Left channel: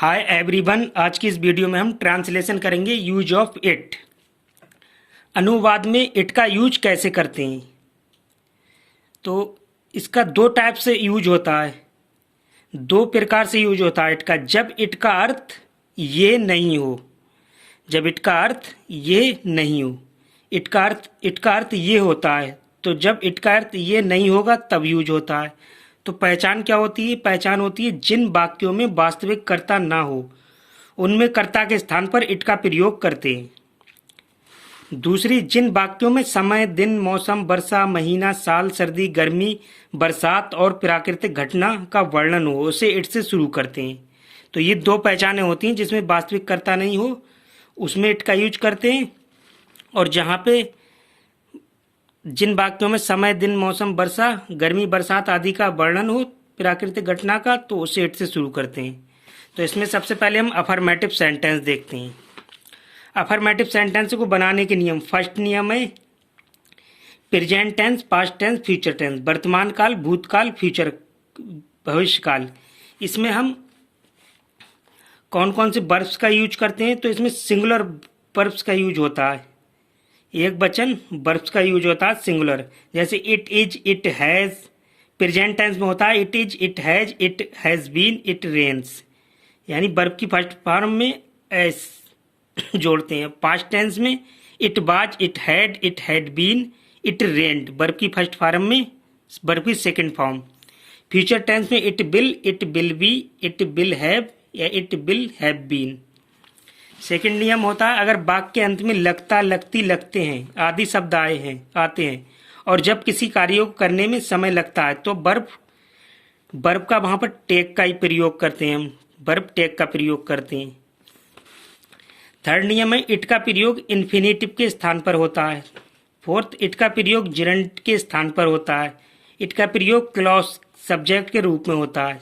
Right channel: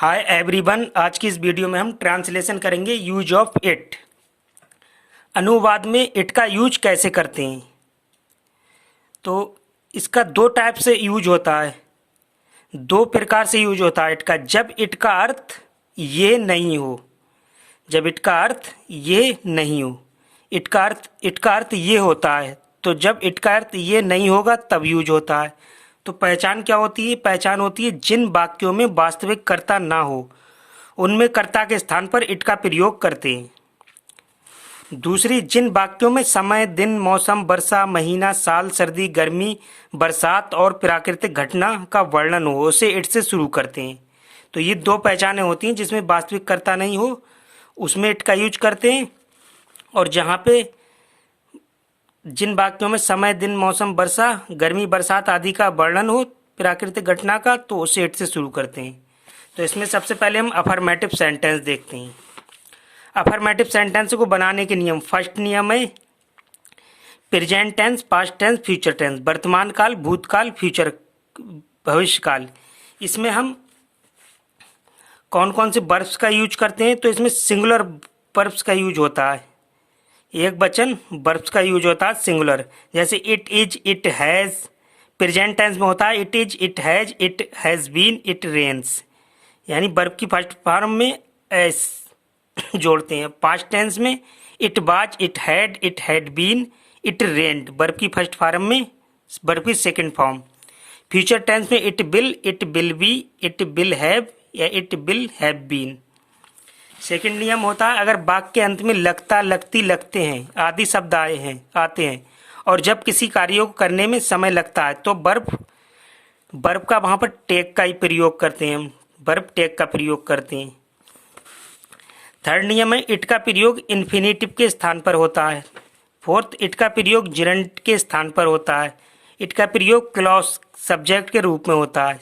Hi everyone, आज की इस वीडियो में हम ट्रांसलेशन करेंगे यूज ऑफ इट। अनुवाद में इट का यूज कैसे करते हैं। तो इसका दो टाइप से यूज होता है, दो प्रकार से यूज होता है इट का। जब इट का अर्थ ये नहीं हो, जब इट का अर्थ ये नहीं हो, इट का अर्थ ये होता है। तो जब इट का अर्थ ये नहीं होगा तब यूज होता है। तो पहचान क्या होती है? पहचान होती है जिन वाक्यों में वास्तविक कर्ता ना हो उनमें कर्ता के स्थान पर इट का प्रयोग करते हैं। दूसरी, जिन वाक्यों में समय, दिन, मौसम, वर्षा, महीना, साल, सर्दी, गर्मी, बरसात और प्राकृतिक घटना का वर्णन हो उसे इट से शुरू करते हैं। तो ये दो पहचानें होती हैं, जिसमें वास्तविक कर्ता नहीं हो उसमें इट का यूज करते हैं, और जहाँ पे जिन वाक्यों में समय, दिन, मौसम, वर्षा, गर्मी, बरसात आदि का वर्णन हो प्राकृतिक घटना का तो उसे इट से शुरू करते हैं। तो इसमें सबसे पहले हम अफर्मेटिव सेंटेंस देखते हैं। अफर्मेटिव सेंटेंस को बनाने के नियम। फर्स्ट नियम है present tense, past tense, future tense. वर्तमान काल, भूतकाल, फ्यूचर भविष्य काल। इसमें हम कौन कौन से वर्ब्स का यूज करते हैं? तो इसमें सिंगुलर वर्ब्स का यूज होता है, एक वचन वर्ब्स का यूज होता है सिंगुलर। जैसे it is, it has. Present tense में होता है it is, it has been, it rains, यानी वर्ब की फर्स्ट फॉर्म में एस जोड़ते हैं। पास्ट टेंस में it was, it had been, it rained, verb की फर्स्ट फॉर्म में वर्ब की सेकंड फॉर्म। फ्यूचर टेंस में it will be, it will have या it will have been. Second नियम होता है अगर वाक्य के अंत में लगता, लगती, लगते हैं आदि शब्द आते हैं और जब किसी कार्य को करने में समय लगता है तो वर्ब का वहां पर टेक का ही प्रयोग करते हैं, हम वर्ब टेक का प्रयोग करते हैं। थर्ड नियम है इट का प्रयोग इन्फिनेटिव के स्थान पर होता है। फोर्थ, इट का प्रयोग जिरंड के स्थान पर होता है। इट का प्रयोग क्लॉज सब्जेक्ट के रूप में होता है।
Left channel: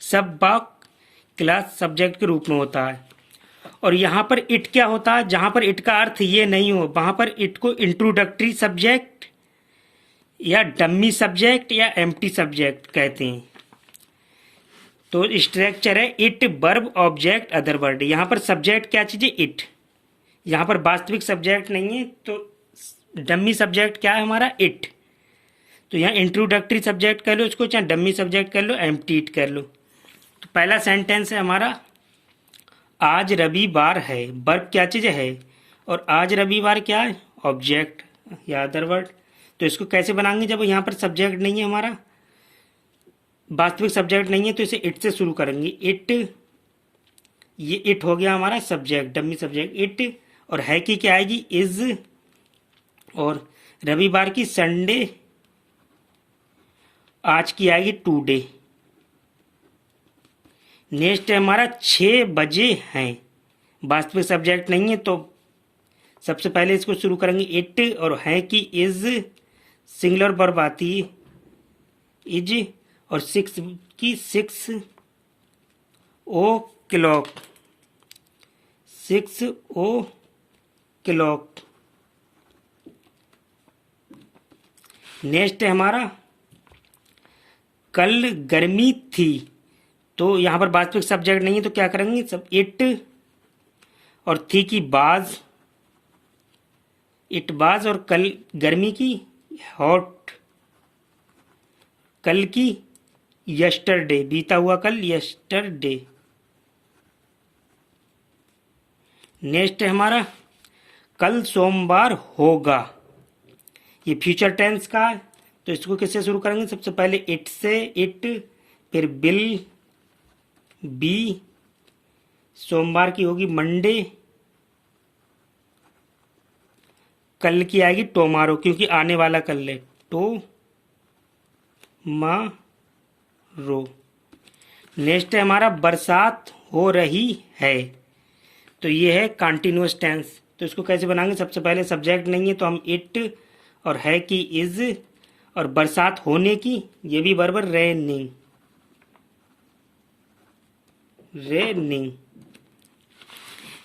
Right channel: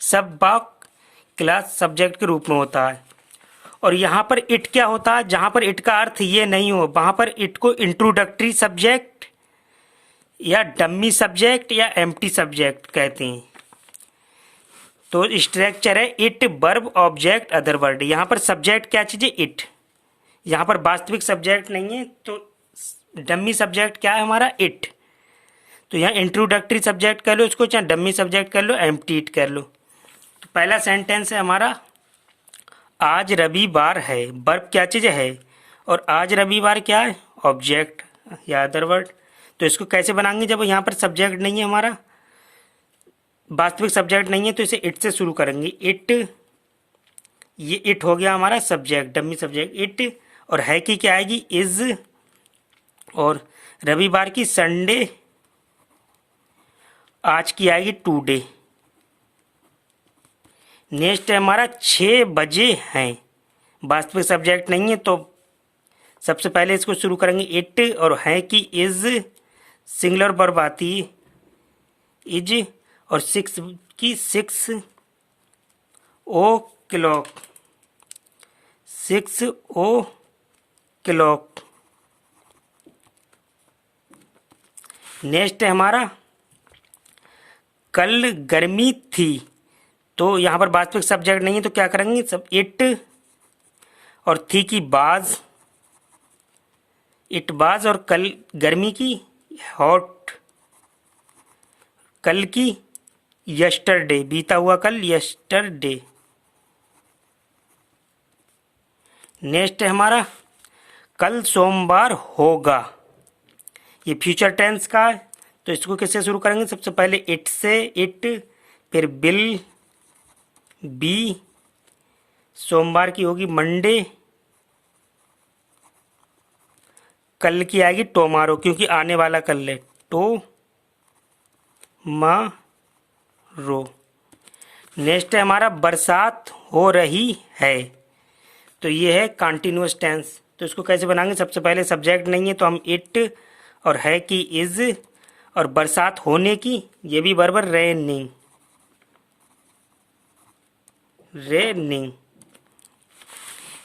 सब वाक क्लास सब्जेक्ट के रूप में होता है। और यहाँ पर इट क्या होता है? जहाँ पर इट का अर्थ ये नहीं हो वहाँ पर इट को इंट्रोडक्टरी सब्जेक्ट या डम्मी सब्जेक्ट या एम्प्टी सब्जेक्ट कहते हैं। तो स्ट्रक्चर है it, verb, object, other word. यहाँ पर सब्जेक्ट क्या चीज़ है? इट। यहाँ पर वास्तविक सब्जेक्ट नहीं है तो डम्मी सब्जेक्ट क्या है हमारा? इट। तो यहाँ इंट्रोडक्टरी सब्जेक्ट कह लो इसको, चाहे डम्मी सब्जेक्ट कर लो, एम्प्टी इट कर लो। तो पहला सेंटेंस है हमारा आज रविवार है। वर्ब क्या चीज़ है? और आज रविवार क्या है? ऑब्जेक्ट या अदर वर्ड। तो इसको कैसे बनाएंगे? जब यहाँ पर सब्जेक्ट नहीं है, हमारा वास्तविक सब्जेक्ट नहीं है, तो इसे इट से शुरू करेंगे। इट, ये इट हो गया हमारा सब्जेक्ट, डमी सब्जेक्ट इट। और है की क्या आएगी? इज। और रविवार की संडे, आज की आएगी टुडे। नेक्स्ट है हमारा 6 बजे हैं। वास्तविक सब्जेक्ट नहीं है तो सबसे पहले इसको शुरू करेंगे इट, और है कि इज सिंगुलर वर्ब आती है इज, और 6 की 6 ओ क्लॉक, 6 ओ क्लॉक। नेक्स्ट है हमारा कल गर्मी थी। तो यहाँ पर वास्तविक सब्जेक्ट नहीं है तो क्या करेंगे? सब इट, और थी की बाज, इट बाज, और कल गर्मी की हॉट, कल की यस्टरडे, बीता हुआ कल, यस्टरडे। नेक्स्ट है हमारा कल सोमवार होगा। ये फ्यूचर टेंस का है तो इसको किससे शुरू करेंगे? सबसे पहले इट से, इट, फिर बिल, बी, सोमवार की होगी मंडे, कल की आएगी टोमारो क्योंकि आने वाला कल है, रो। नेक्स्ट है हमारा बरसात हो रही है। तो ये है कंटिन्यूअस टेंस। तो इसको कैसे बनाएंगे? सबसे पहले सब्जेक्ट नहीं है तो हम इट, और है की इज, और बरसात होने की ये भी बराबर रेनिंग, रेनिंग।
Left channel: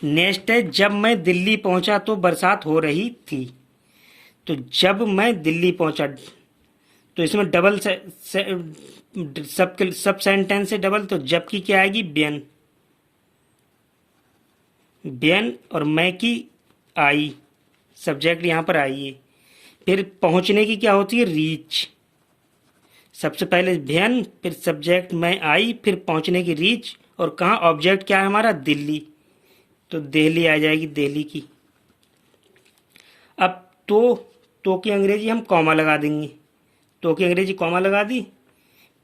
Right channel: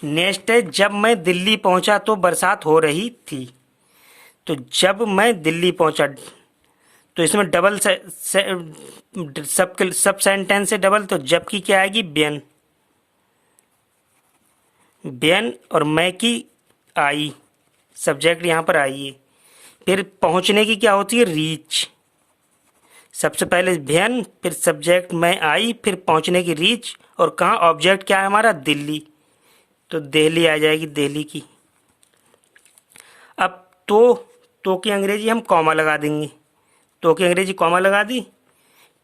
नेक्स्ट है जब मैं दिल्ली पहुंचा तो बरसात हो रही थी। तो जब मैं दिल्ली पहुंचा तो इसमें डबल सब सेंटेंस से डबल, तो जब की क्या आएगी बेन, बेन, और मैं की आई, सब्जेक्ट यहाँ पर आई है। फिर पहुंचने की क्या होती है रीच, सबसे पहले बेन, फिर सब्जेक्ट मैं आई, फिर पहुंचने की रीच, और कहाँ ऑब्जेक्ट क्या है हमारा दिल्ली, तो दिल्ली आ जाएगी, दिल्ली की। अब तो की अंग्रेजी हम कॉमा लगा देंगे, तो की अंग्रेजी कॉमा लगा दी।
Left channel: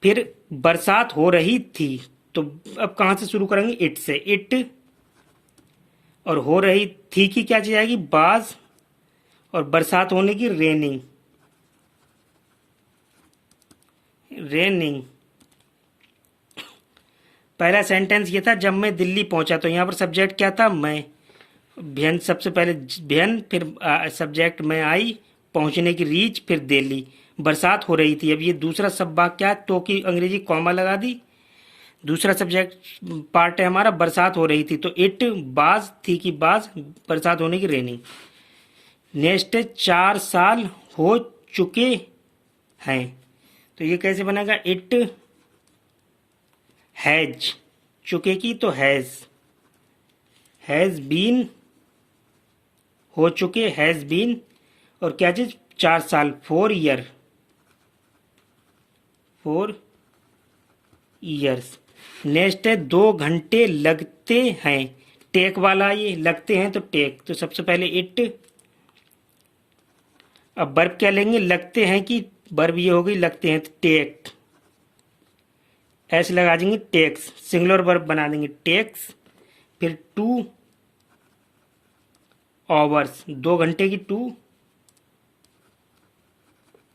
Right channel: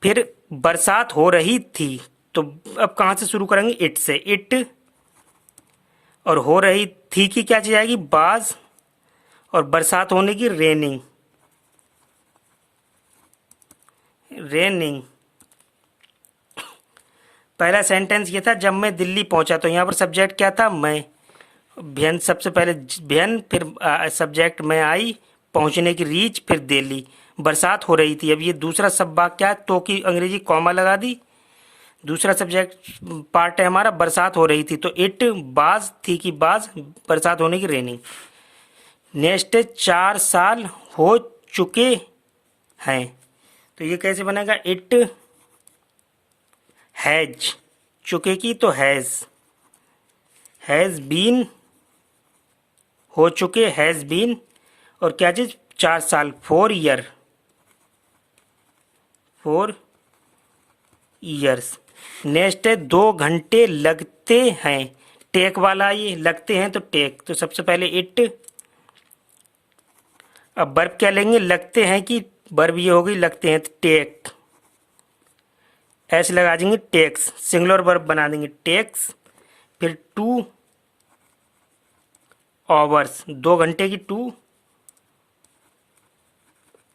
फिर बरसात हो रही थी, तो अब कहाँ से शुरू करेंगे, इट से, इट, और हो रही थी की क्या चीज आएगी बाज, और बरसात होने की रेनिंग, रेनिंग। पहला सेंटेंस ये था जब मैं दिल्ली पहुंचा, तो यहाँ पर सब्जेक्ट क्या था मैं, भेन, सबसे पहले भेन, फिर सब्जेक्ट में आई, पहुंचने की रीच, फिर दिल्ली, बरसात हो रही थी। अब ये दूसरा सब भाग क्या है, तो की अंग्रेजी कॉमा लगा दी, दूसरा सब्जेक्ट पार्ट है हमारा बरसात हो रही थी, तो इट, बाज, थी की बाज, बरसात होने की रेनिंग। नेक्स्ट 4 साल हो चुके हैं, तो ये कैसे बनेगा, इट हैज, चुके की तो हैज बीन, हो चुके हैज बीन, और क्या चीज 4 साल, 4 ईयर, 4 ईयर्स। नेक्स्ट है 2 घंटे लगते हैं, टेक वाला ये, लगते हैं तो टेक, तो सबसे पहले इट, अब वर्ब क्या लेंगे, लगते हैं कि वर्ब ये हो गई लगते हैं, तो टेक, ऐसे लगा देंगे टेक्स, सिंगुलर वर्ब बना देंगे टेक्स। फिर 2 आवर्स, 2 घंटे की 2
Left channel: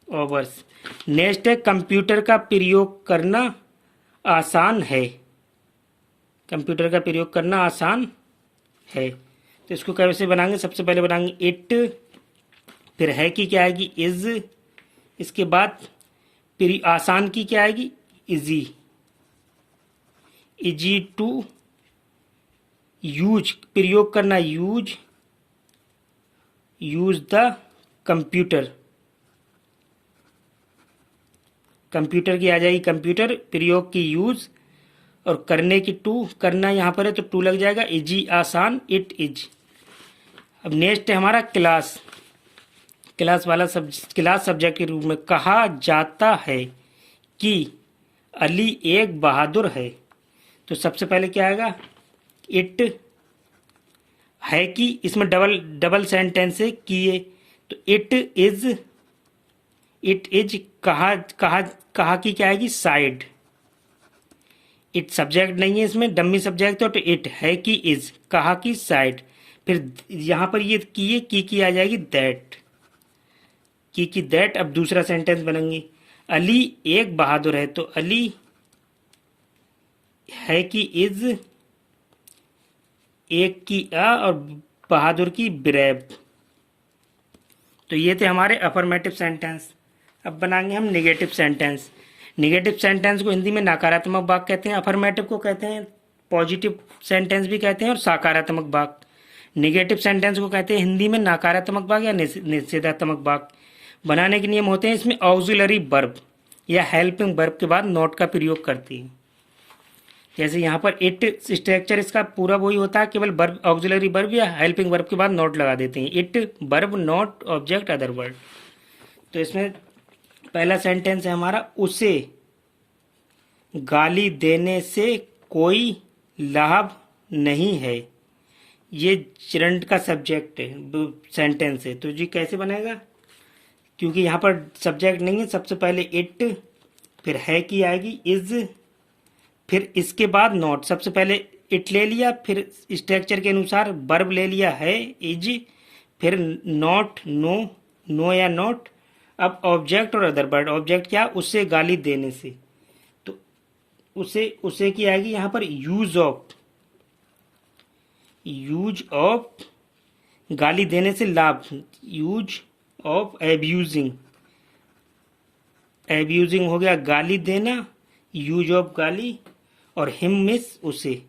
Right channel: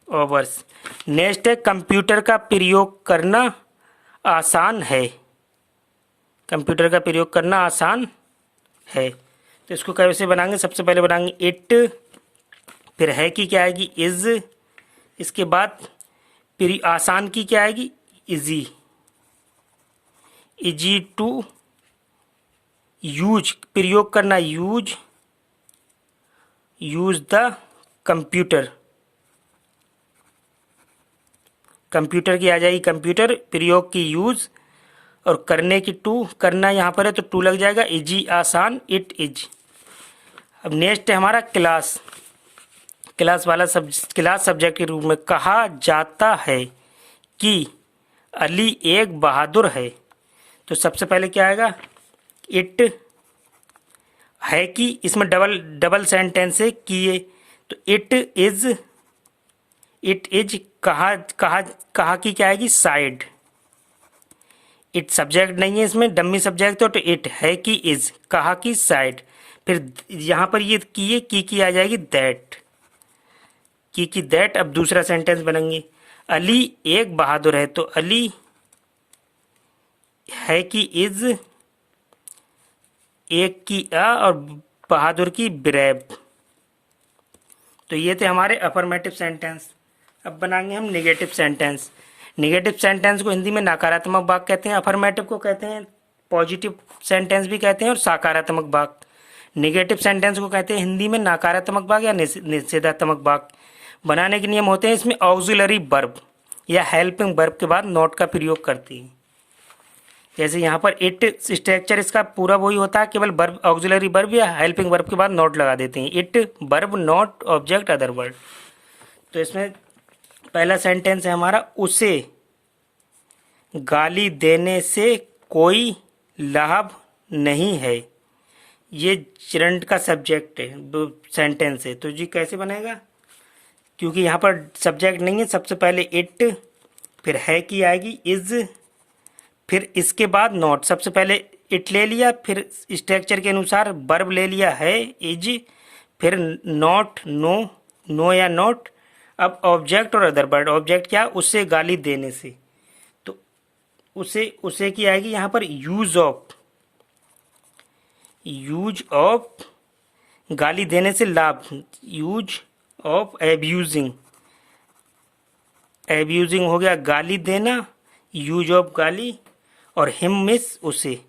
आवर्स। नेक्स्ट है कंप्यूटर का प्रयोग करना आसान है, कंप्यूटर का प्रयोग करना आसान है, तो इसको कैसे बनाएंगे, सबसे पहले बनाएंगे इट, फिर है की क्या आएगी इज, इसके बाद फिर आसान की क्या आएगी इजी, इजी टू यूज, प्रयोग करना use, use the computer, computer की आ जाएगी कंप्यूटर, प्रयोग की यूज, और करने की टू, करना यहाँ पर है तो टू लग जाएगा, इजी आसान, इट इज। अब नेक्स्ट है हमारा क्लास, क्लास वाला क्लास सब्जेक्ट के रूप में कहा जाता है कि अली एक बहादुर है, तो सबसे पहले क्या आएगा इट, है कि इसमें डबल सेंटेंस है किए, तो इट इज कहा, कहा की क्या आएगी साइड, इट सब्जेक्ट नहीं है इसमें, डम्मी सब्जेक्ट तो इट, है कि इज, कहा की साइड। फिर यहां पर ये किए की आ जाएगी दैट, की दैट। अब दूसरा सेंटेंस बनेंगे अली एक बहादुर है, तो अली है कि इज, एक की और बहादुर की ब्रेव। तो ये थे हमारे अफर्मेटिव सेंटेंस। अब बनाएंगे हम निगेटिव सेंटेंस। निगेटिव सेंटेंस को हिंदी में नकारात्मक वाक्य कहते हैं, अफर्मेटिव को कहते हैं पॉजिटिव सेंटेंस भी कहते हैं, और सकारात्मक वाक्य। निगेटिव सेंटेंस को कहते हैं हिंदी में नकारात्मक वाक्य या निषेधात्मक वाक्य। बनाने के नियम होते हैं इसमें ऑक्सिलरी वर्ब या हेल्पिंग वर्ब के बाद नॉट का प्रयोग करती है। जैसे यहाँ पर इट स्ट्रक्चर इसका पूरा वही होता है, केवल वर्ब ऑक्सिलरी वर्ब या हेल्पिंग वर्ब के बाद नॉट लगा देते हैं, it verb not object other word. तो इसमें पहला सेंटेंस है हमारा उसे गाली देने से कोई लाभ नहीं है, ये चिरंट का सब्जेक्ट है, सेंटेंस है। तो जी कैसे बनेगा, क्योंकि यहाँ पर सब्जेक्ट नहीं है, सबसे पहले इट, फिर है की आएगी इज, फिर इसके बाद नॉट, सबसे पहले इट ले लिया, फिर स्ट्रक्चर के अनुसार वर्ब ले लिया है इज, फिर नॉट नो, नो या नॉट। अब ऑब्जेक्ट और अदर वर्ड, ऑब्जेक्ट क्या, उसे गाली देने से, तो उसे की आएगी यहाँ पर यूज ऑफ, यूज ऑफ गाली देने से लाभ, यूज ऑफ एब्यूजिंग, एब्यूजिंग हो गया गाली देना, यूज ऑफ गाली, और हिम मिस उसे,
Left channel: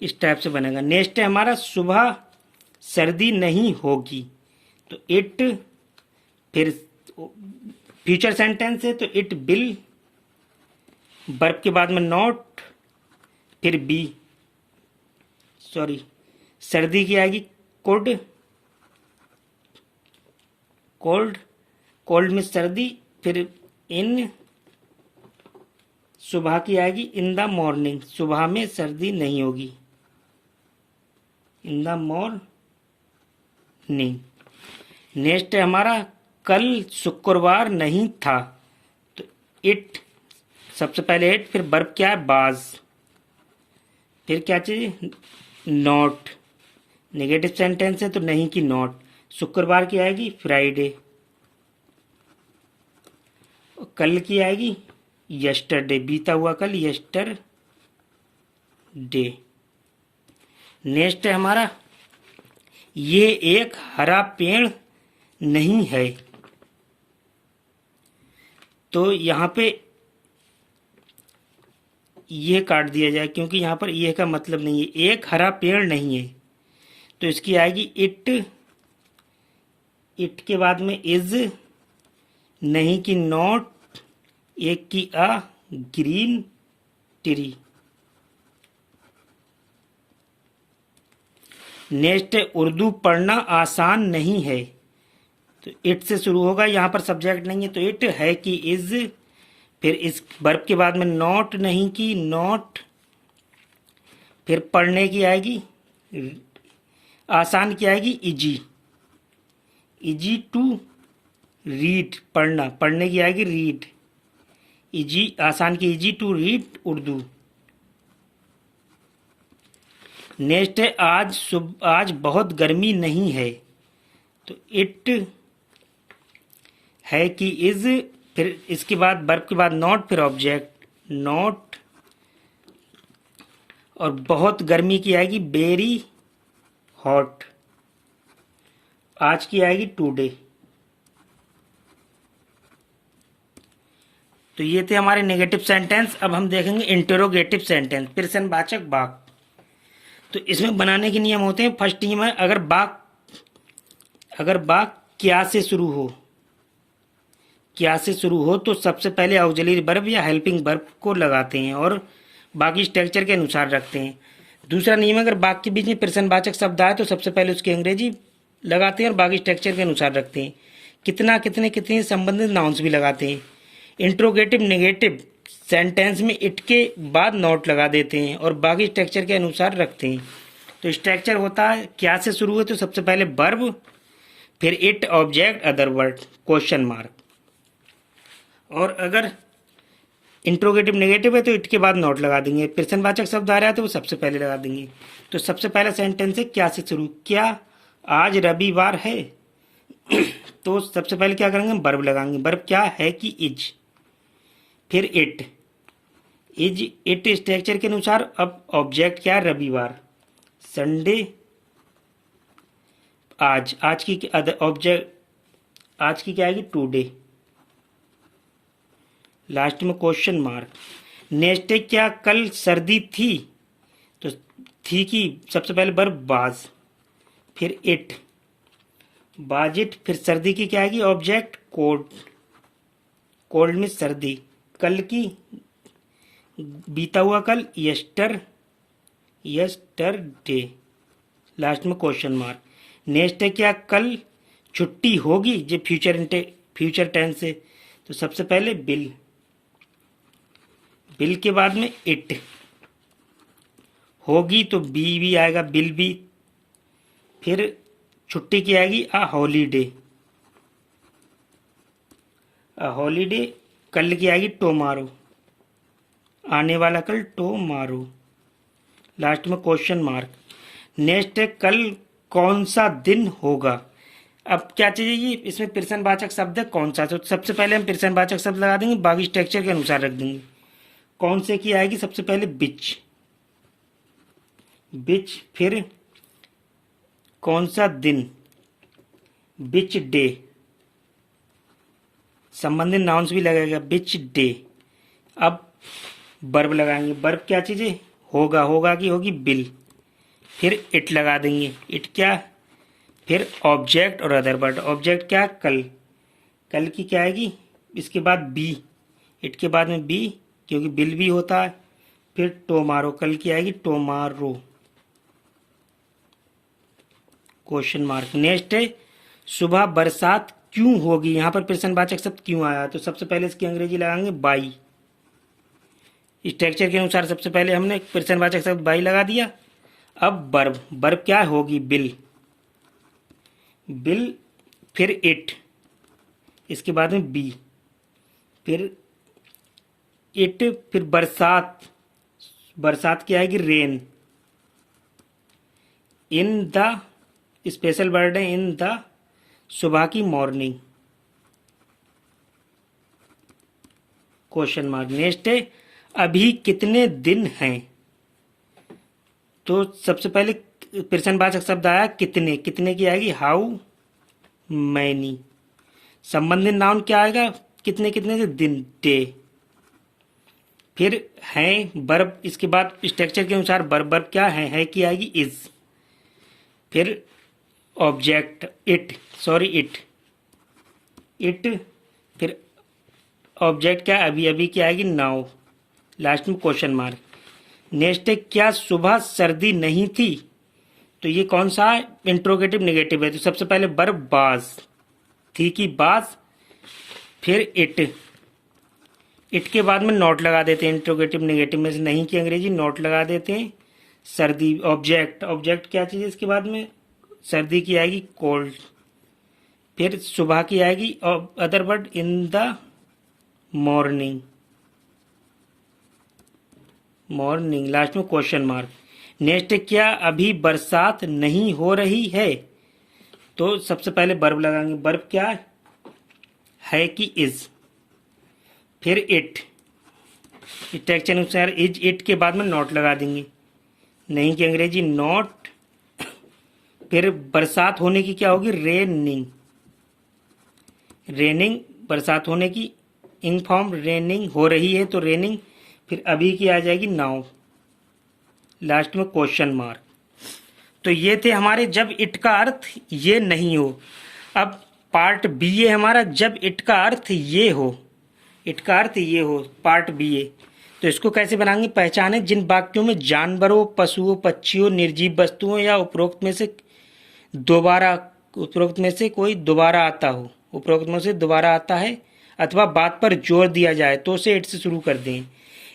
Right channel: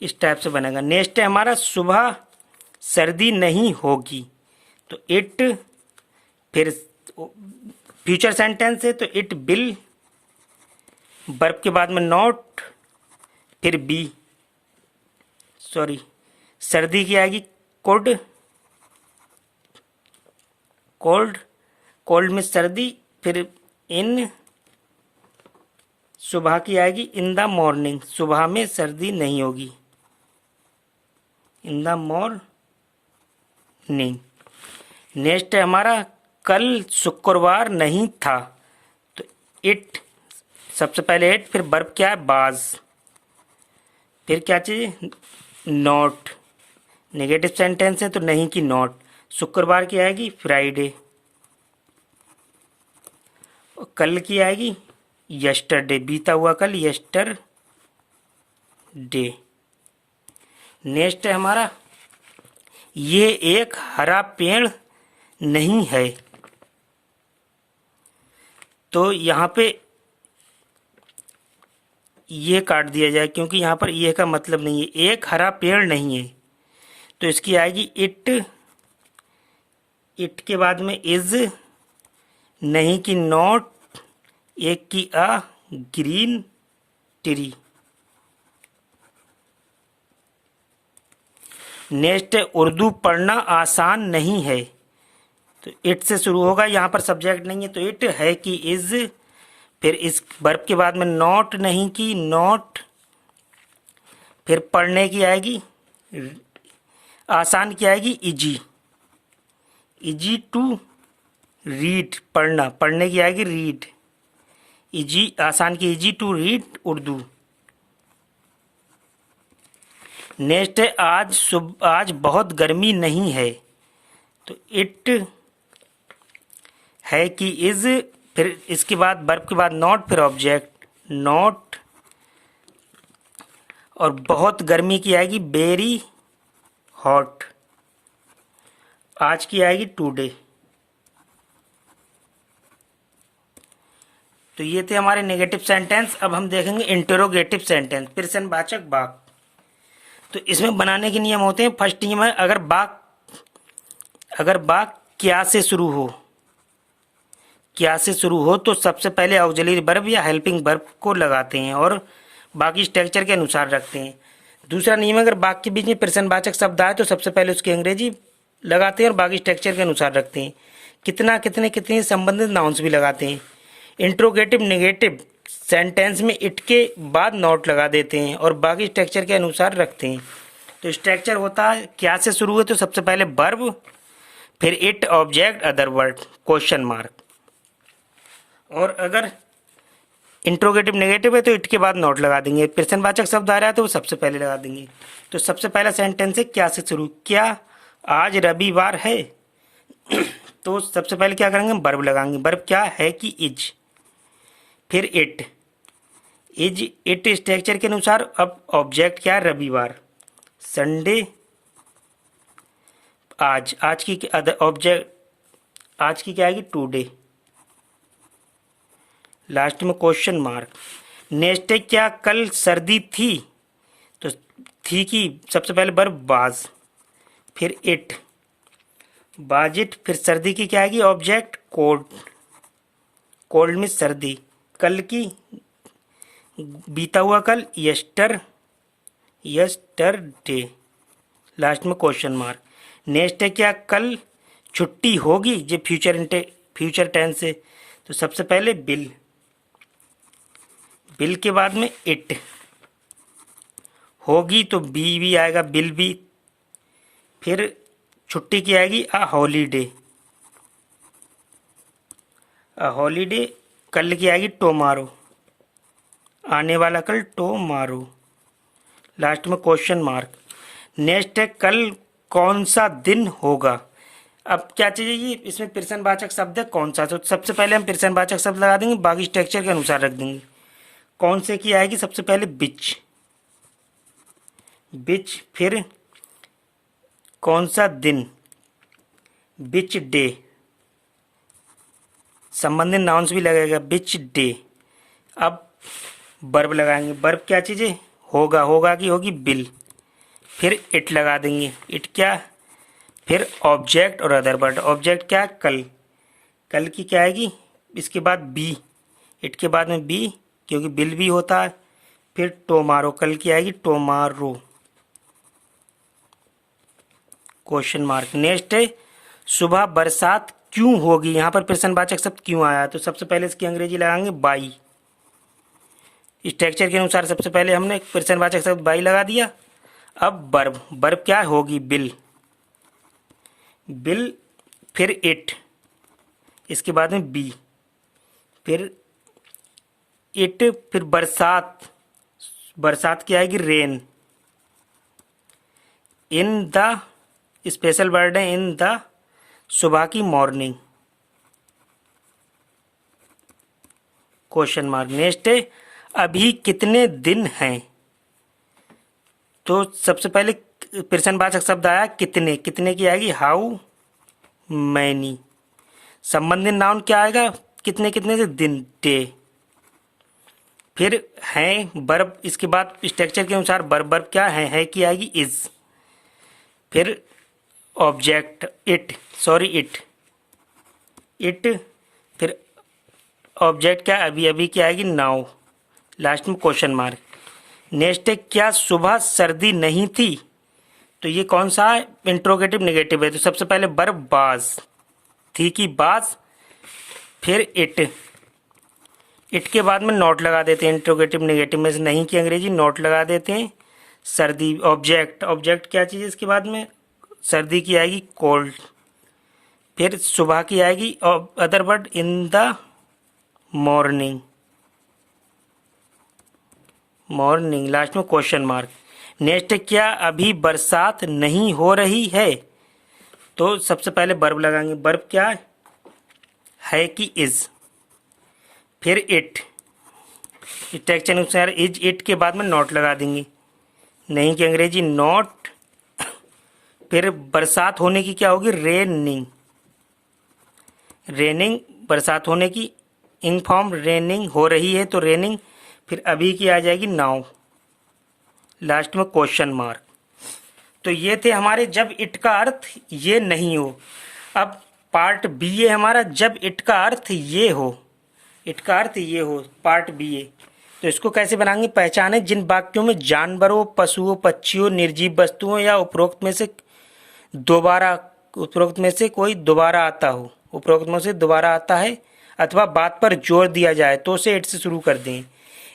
इस टाइप से बनेगा। नेक्स्ट है हमारा सुबह सर्दी नहीं होगी, तो इट फिर फ्यूचर सेंटेंस है तो इट विल, वर्ब के बाद में नॉट, फिर बी, सॉरी सर्दी की आएगी कोल्ड, कोल्ड, कोल्ड में सर्दी, फिर इन, सुबह की आएगी इन द मॉर्निंग, सुबह में सर्दी नहीं होगी, इन द मॉर्निंग। नेक्स्ट है हमारा कल शुक्रवार नहीं था, तो इट, सबसे पहले इट, फिर वर्ब क्या है बाज, फिर क्या चाहिए नॉट, नेगेटिव सेंटेंस है तो नहीं की नॉट, शुक्रवार की आएगी फ्राइडे, और कल की आएगी यस्टरडे, बीता हुआ कल यस्टरडे। नेक्स्ट है हमारा ये एक हरा पेड़ नहीं है, तो यहाँ पे ये काट दिया जाए क्योंकि यहाँ पर ये का मतलब नहीं है, एक हरा पेड़ नहीं है, तो इसकी आएगी इट, इट के बाद में इज, नहीं की नॉट, एक की अ ग्रीन ट्री। नेक्स्ट है उर्दू पढ़ना आसान नहीं है, तो इट से शुरू होगा, यहाँ पर सब्जेक्ट नहीं है तो इट, है कि इज, फिर इस वर्ब के बाद में नॉट, नहीं की नॉट, फिर पढ़ने की आएगी, आसान की आएगी इजी, इजी टू रीड, पढ़ना, पढ़ने की आएगी रीड, इजी, आसान की easy to read Urdu. Next है आज बहुत गर्मी नहीं है, तो इट, है कि इज, फिर इसके बाद वर्ब के बाद नॉट, फिर ऑब्जेक्ट नॉट, और बहुत गर्मी की आएगी वेरी हॉट, आज की आएगी टुडे। तो ये थे हमारे नेगेटिव सेंटेंस। अब हम देखेंगे इंटरोगेटिव सेंटेंस, प्रश्नवाचक वाक्य। तो इसमें बनाने के नियम होते हैं। फर्स्ट नियम है अगर वाक्य क्या से शुरू हो, क्या से शुरू हो तो सबसे पहले ऑक्सिलरी वर्ब या हेल्पिंग वर्ब को लगाते हैं और बाकी स्ट्रक्चर के अनुसार रखते हैं। दूसरा नियम है अगर वाक्य के बीच में प्रश्नवाचक शब्द आए तो सबसे पहले उसकी अंग्रेजी लगाते हैं और बाकी स्ट्रक्चर के अनुसार रखते हैं। कितना, कितने, कितनी संबंधित नाउन्स भी लगाते हैं। इंट्रोगेटिव नेगेटिव सेंटेंस में इट के बाद नॉट लगा देते हैं और बाकी स्ट्रक्चर के अनुसार रखते हैं। तो स्ट्रक्चर होता है क्या से शुरू हुए तो सबसे पहले वर्ब, फिर it, object, other word, question mark. और अगर इंट्रोगेटिव नेगेटिव है तो इट के बाद नॉट लगा देंगे। प्रश्नवाचक शब्द आ रहा है तो वो सबसे पहले लगा देंगे। तो सबसे पहला सेंटेंस है क्या से शुरू, क्या आज रविवार है तो सबसे पहले क्या करेंगे, वर्ब लगाएंगे। वर्ब क्या है कि इज, फिर इट, इट स्ट्रक्चर के अनुसार। अब ऑब्जेक्ट क्या, रविवार, संडे, आज की ऑब्जेक्ट, आज की क्या आएगी, टुडे, लास्ट में क्वेश्चन मार्क। नेक्स्ट है क्या कल सर्दी थी, तो थी की सबसे पहले वर्ब वाज, फिर इट, वाज इट, फिर सर्दी की क्या आएगी, ऑब्जेक्ट कोल्ड, कोल्ड में सर्दी, कल की बीता हुआ कल, यस्टरडे, लास्ट में क्वेश्चन मार्क। नेक्स्ट है क्या कल छुट्टी होगी, जो फ्यूचर टेंस है तो सबसे पहले बिल, बिल के बाद में इट, होगी तो बी भी आएगा, बिल भी, फिर छुट्टी की आएगी अ हॉलीडे, अ हॉलीडे, कल की आएगी टुमारो, आने वाला कल टुमारो, लास्ट में क्वेश्चन मार्क। नेक्स्ट है कल कौन सा दिन होगा। अब क्या चाहिए, इसमें प्रश्नवाचक शब्द है कौन सा, तो सबसे पहले हम प्रश्नवाचक शब्द लगा देंगे, बाकी स्ट्रक्चर के अनुसार रख देंगे। कौन से की आएगी सबसे पहले बिच, बिच, फिर कौन सा दिन, बिच डे, संबंधित नाउन्स भी लगेगा, बिच डे। अब वर्ब लगाएंगे। वर्ब क्या चीज़ है, होगा, होगा की होगी बिल, फिर इट लगा देंगे, इट क्या, फिर ऑब्जेक्ट और अदर वर्ड। ऑब्जेक्ट क्या, कल, कल की क्या आएगी, इसके बाद बी, इट के बाद में बी क्योंकि बिल भी होता है, फिर टोमारो, कल की आएगी टोमारो, क्वेश्चन मार्क। नेक्स्ट है सुबह बरसात क्यों होगी, यहां पर प्रश्नवाचक शब्द क्यों आया, तो सबसे पहले इसकी अंग्रेजी लगाएंगे बाई। स्ट्रक्चर के अनुसार सबसे पहले हमने प्रश्नवाचक शब्द बाई लगा दिया। अब वर्ब, वर्ब क्या होगी, बिल, बिल, फिर इट, इसके बाद में बी, फिर इट, फिर बरसात, बरसात की आएगी rain, in the, special word है इन द, सुबह की मॉर्निंग, क्वेश्चन मार्क। नेक्स्ट है अभी कितने दिन हैं, तो सबसे पहले प्रश्नवाचक शब्द आया कितने, कितने की आएगी हाउ मैनी, संबंधित नाउन क्या आएगा, कितने, कितने से दिन, डे, फिर हैं वर्ब, इसके बाद स्ट्रक्चर के अनुसार वर्ब, वर्ब क्या है की आएगी इज, फिर object it, sorry it, it, फिर ऑब्जेक्ट क्या अभी, अभी क्या आएगी नाउ, लास्ट में क्वेश्चन मार्क। नेक्स्ट है क्या सुबह सर्दी नहीं थी, तो ये कौन सा इंट्रोगेटिव नेगेटिव है, तो सबसे पहले वर्ब बाज, थी की बाज, फिर इट, इट के बाद में नॉट लगा देते हैं, इंट्रोगेटिव नेगेटिव में से नहीं की अंग्रेजी नॉट लगा देते हैं, सर्दी, ऑब्जेक्ट, ऑब्जेक्ट क्या चीज़ है इसके बाद में, सर्दी की आएगी कोल्ड, फिर सुबह की आएगी other word in the morning, morning, last में क्वेश्चन मार्क। नेक्स्ट क्या अभी बरसात नहीं हो रही है, तो सबसे पहले वर्ब लगाएंगे, वर्ब क्या है कि इज, फिर इट, स्ट्रक्चर अनुसार इज, इट के बाद में नॉट लगा देंगे, नहीं की अंग्रेजी नॉट, फिर बरसात होने की क्या होगी रेनिंग, रेनिंग, बरसात होने की इंग फॉर्म, रेनिंग हो रही है तो रेनिंग, फिर अभी की आ जाएगी नाउ, लास्ट में क्वेश्चन मार्क। तो ये थे हमारे जब इट का अर्थ ये नहीं हो। अब पार्ट बी है हमारा जब इट का अर्थ ये हो, इट का अर्थ ये हो, पार्ट बी है। तो इसको कैसे बनाएंगे, पहचाने जिन वाक्यों में जानवरों, पशुओं, पक्षियों, निर्जीव वस्तुओं या उपरोक्त में से कोई दोबारा आता हो, उपरोक्त में से दोबारा आता है अथवा बात पर जोर दिया जाए तो उसे इट से शुरू कर दें।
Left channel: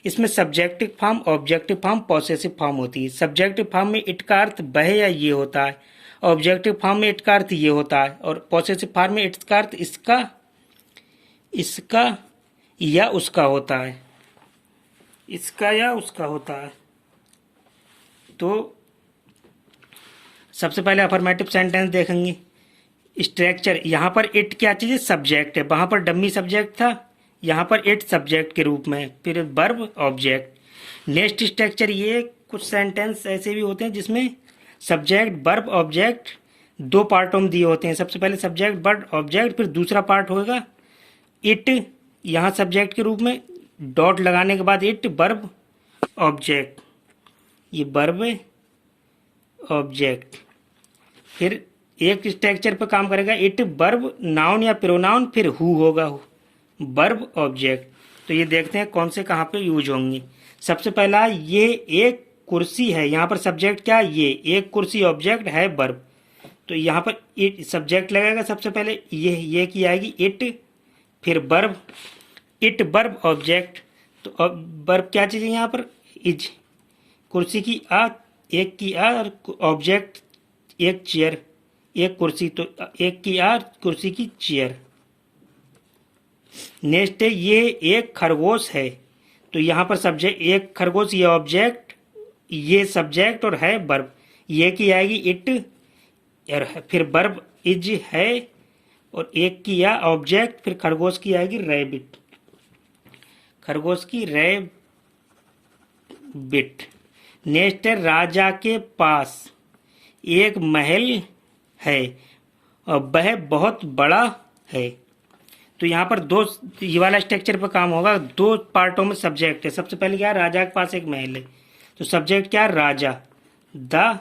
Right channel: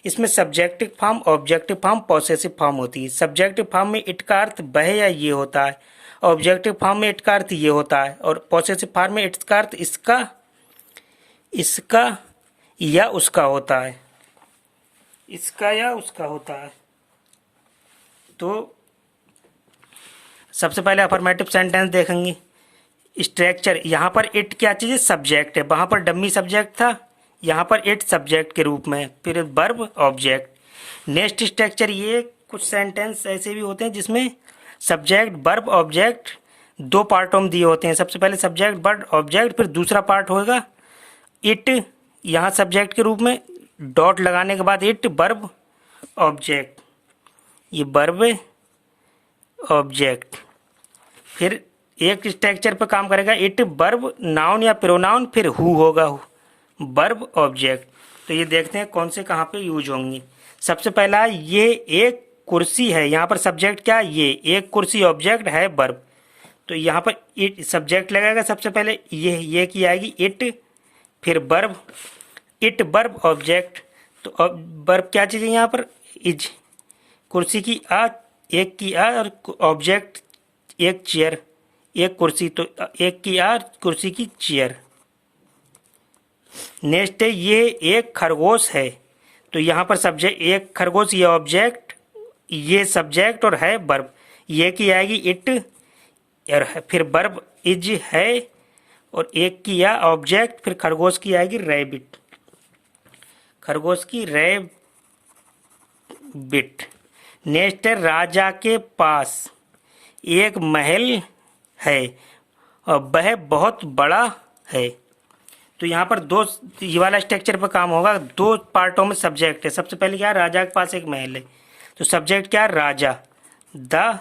इसमें subjective form, objective form, possessive form होती है। सब्जेक्टिव फॉर्म में इट का अर्थ वह या ये होता है, ऑब्जेक्टिव फॉर्म में इट का अर्थ ये होता है, और पॉसेसिव फॉर्म में इट का अर्थ इसका, इसका या उसका होता है, इसका या उसका होता है। तो सबसे पहले अफर्मेटिव सेंटेंस देखेंगे। स्ट्रक्चर, यहाँ पर इट क्या चीज़ है, सब्जेक्ट है, वहाँ पर डम्मी सब्जेक्ट था, यहाँ पर इट सब्जेक्ट के रूप में, फिर वर्ब ऑब्जेक्ट। नेक्स्ट स्ट्रक्चर, ये कुछ सेंटेंस ऐसे भी होते हैं जिसमें सब्जेक्ट वर्ब ऑब्जेक्ट दो पार्टों में दिए होते हैं। सबसे पहले सब्जेक्ट वर्ब ऑब्जेक्ट, फिर दूसरा पार्ट होगा इट, यहाँ सब्जेक्ट के रूप में, डॉट लगाने के बाद इट वर्ब ऑब्जेक्ट, ये वर्ब ऑब्जेक्ट। फिर एक स्ट्रक्चर पर काम करेगा इट वर्ब नाउन या प्रोनाउन, फिर हु होगा वर्ब ऑब्जेक्ट। तो ये देखते हैं कौन से कहाँ पे यूज होंगे। सबसे पहला ये एक कुर्सी है, यहाँ पर सब्जेक्ट क्या है, ये एक कुर्सी ऑब्जेक्ट है वर्ब, तो यहाँ पर इट सब्जेक्ट लगेगा। सबसे पहले ये की आएगी इट, फिर वर्ब, इट वर्ब ऑब्जेक्ट। तो वर्ब क्या चीज़ है यहाँ पर, इज, कुर्सी की आ, एक की आ, और ऑब्जेक्ट एक चेयर, एक कुर्सी, तो एक की आ, कुर्सी की चेयर। नेक्स्ट है ये एक खरगोश है, तो यहाँ पर सब्जेक्ट एक खरगोश, ये ऑब्जेक्ट, ये सब्जेक्ट और है वर्ब, ये की आएगी इट, और फिर वर्ब इज है, और एक की या ऑब्जेक्ट, फिर खरगोश की आएगी रैबिट, खरगोश की रैबिट। नेक्स्ट है राजा के पास एक महल है और वह बहुत बड़ा है, तो यहाँ पर दो, ये वाला स्ट्रक्चर पर काम होगा, दो पार्टों में सब्जेक्ट है। सबसे पहले क्या है, राजा के पास एक महल है, तो सब्जेक्ट क्या है राजा, द,